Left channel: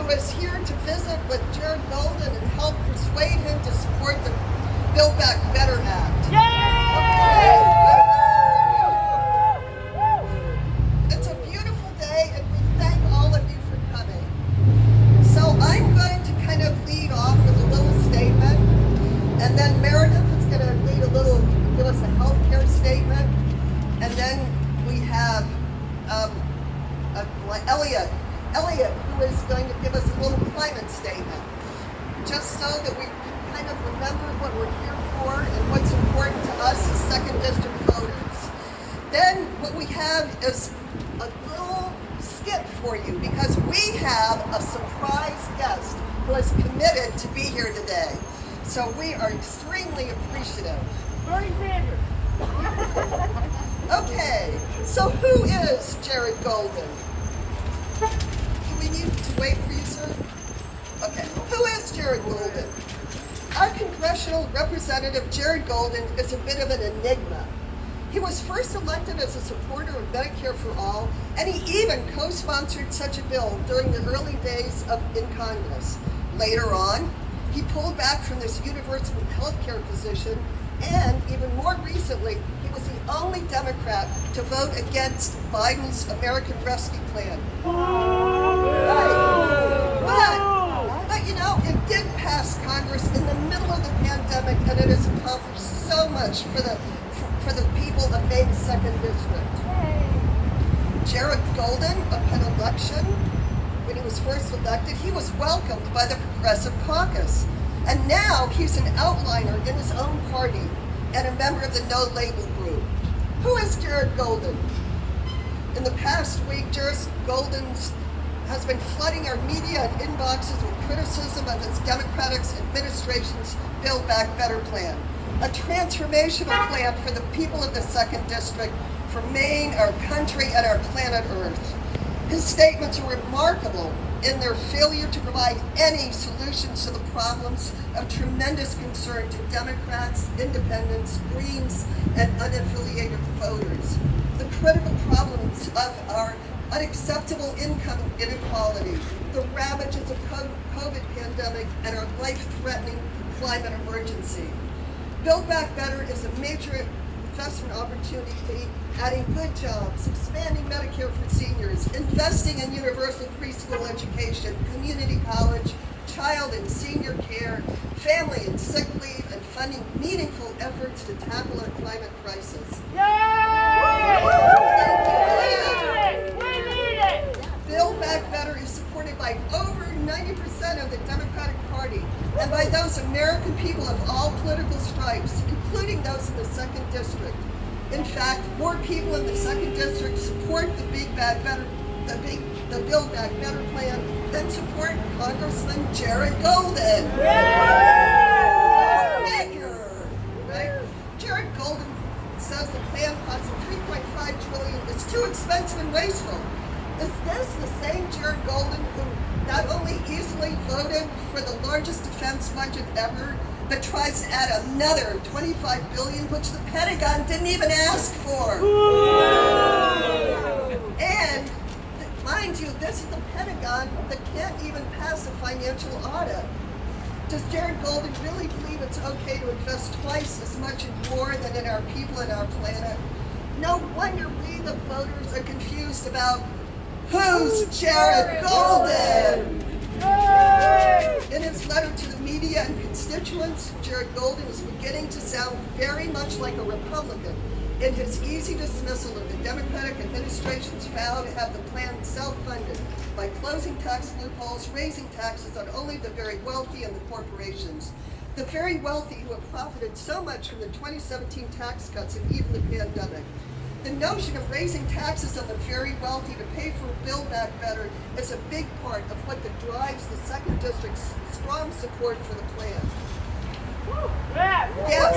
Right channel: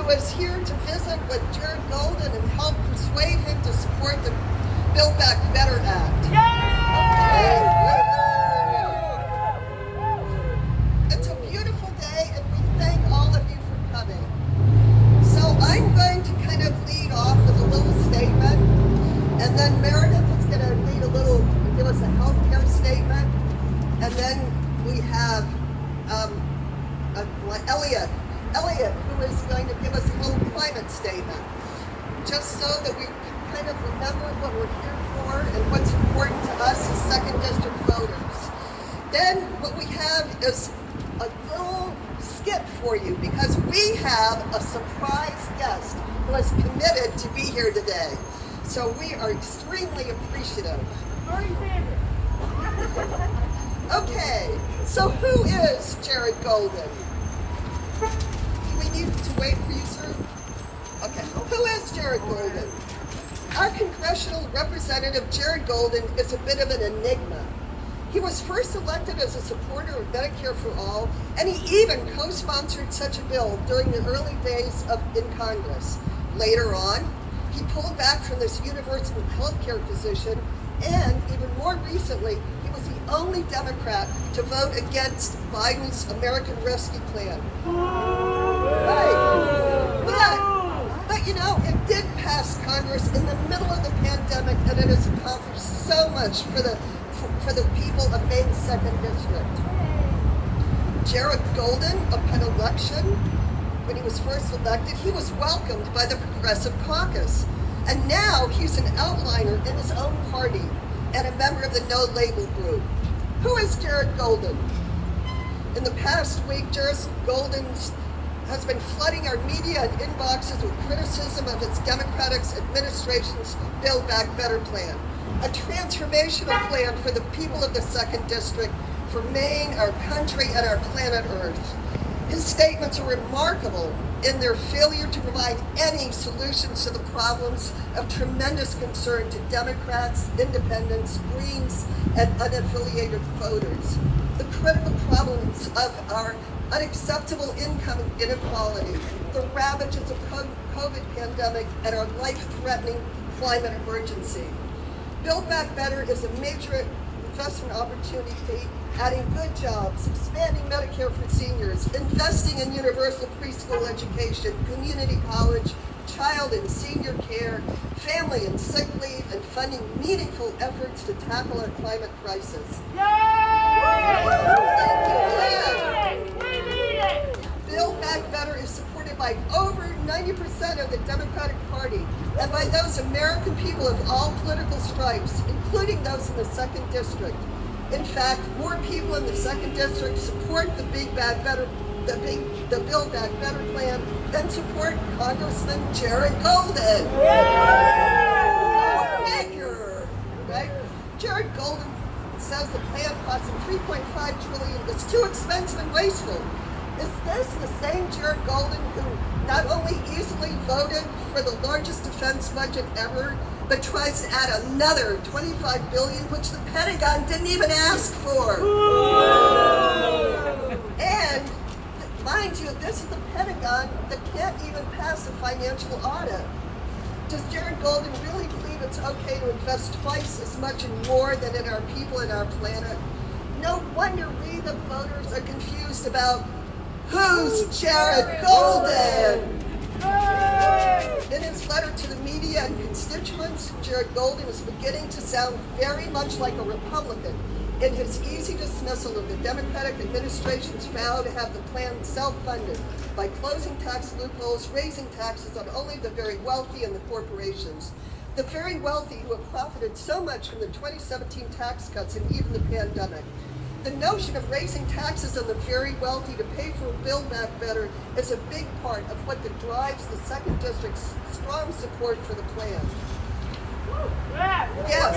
who is here to visit with Jared Golden and help persuade him to support the Build Back Better Act. It's a beautiful day, and we thank all of you for coming. So I'm going to kind of lead off with a little statement, and then Meredith is going to give us a healthcare statement, and then we have Elliot, who is going to give us a little climate statement, just so that we kind of remember what we're here for and what's important to us as 2nd District voters. Then what we have is a little skit for you, because we have a surprise guest who is committed to be here today. So we are extremely appreciative. Okay, so who is Jared Golden? Do we need to wait for you, sir? Okay, who is Jared Golden? Our congressional representative, Jared Golden, is a bit of an enigma. He was first elected as a supporter of Medicare for All, and he even co-sponsored such a bill during the early days in Congress. Later on, he pulled back from this universal health care position, and even more recently, he was the only Democrat to vote against Biden's American Rescue Plan. But you know, it did pass Congress in the middle of the pandemic, and it has accomplished so much for the people of Maine's 2nd District. Jared Golden, upon election, when he was first elected, he was welcomed by the Progressive Caucus. And now he's an outliner in his own party and a member of the No Label group. Who is Jared Golden? In the past week, Jared Golden has been flooding our media and inboxes with criticism of his Democratic administration's Build Back Better plan, a transformational plan for the people of the 2nd District, for Maine, our country, and our planet Earth. His statements are remarkable in their failure to provide any solutions to the problems of tremendous concern to Democrats, Independents, Greens, and unaffiliated voters. The critical problems of our unacceptable income inequality, the ravages of COVID pandemic, and our life-threatening climate emergency. Build Back Better is a major investment opportunity, adding good jobs, expanding Medicare for seniors, investing in universal preschool education, community college, child and senior care, family and sick leave, and funding meaningful efforts to tackle our climate crisis. Build Back Better is supported by over 90% of the Democratic Party and by those American people of all political stripes, including those in the 2nd District. In fact, more people in the 2nd District support the Build Back Better plan than support Congressman Jared Golden. Right? Jared Golden says the plan costing $3.5 trillion is too expensive and wasteful. Is this the same Jared Golden who not only easily voted for the largest defense budget ever, but tries to add another $25 billion, which the Pentagon didn't even ask for? And mind you, this is the Pentagon that can't even pass a financial audit. Does Jared Golden really believe it's okay to invest twice as much in war than in our people and our planet? No wonder we, the voters, are confused about who's Jared Golden? In his letter to the media and constituents, Jared Golden is beginning to sound very much like a Republican in his easy dismissal of the Democratic administration's vow to have the plan self-funded by closing tax loopholes, raising taxes on only the very wealthy and the corporations. The very wealthy who have profited so much from the 2017 tax cuts and even the pandemic. The notion of raising taxes on the very wealthy to pay for Build Back Better is a big part of what drives the 2nd District's strong support for the plan. Yes,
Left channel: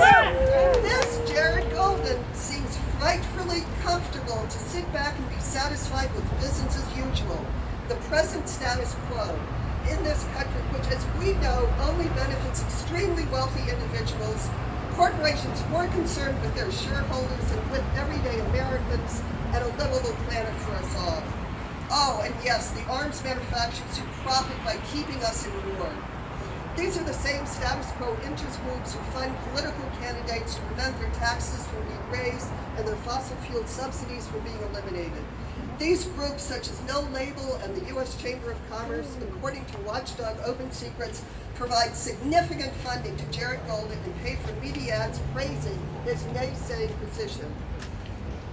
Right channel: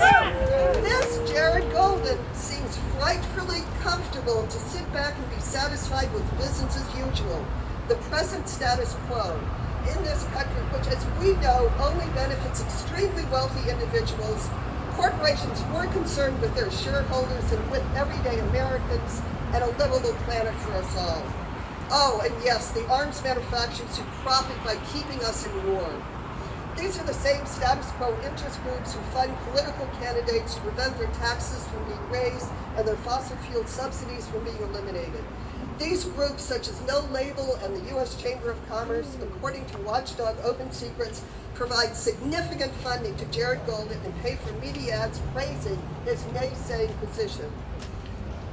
this Jared Golden seems frightfully comfortable to sit back and be satisfied with business as usual, the present status quo in this country, which, as we know, only benefits extremely wealthy individuals, corporations more concerned with their shareholders than with everyday Americans, and a livable planet for us all. Oh, and yes, the arms manufacturers who profit by keeping us in war. These are the same status quo interest groups who fund political candidates to prevent their taxes from being raised and their fossil fuel subsidies from being eliminated. These groups, such as No Label and the U.S. Chamber of Commerce, according to Watchdog Open Secrets, provide significant funding to Jared Golden and pay for media ads praising his naysaying position.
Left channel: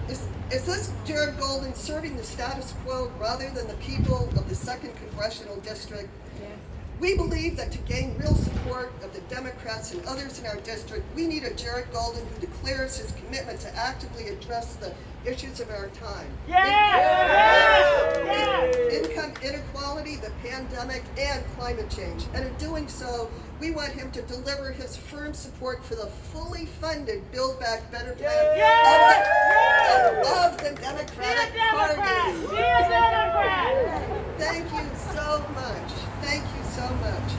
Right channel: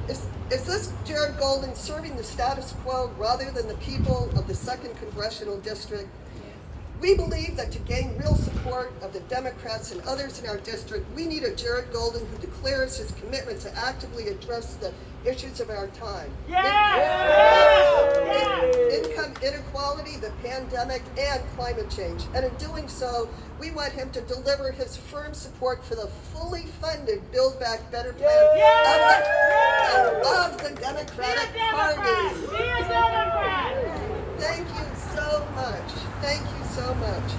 Is this Jared Golden serving the status quo rather than the people of the 2nd Congressional District? We believe that to gain real support of the Democrats and others in our district, we need a Jared Golden who declares his commitment to actively address the issues of our time. Income inequality, the pandemic, and climate change. And in doing so, we want him to deliver his firm support for the fully funded Build Back Better plan of the Democratic Party. Thank you so much. Thank you so much.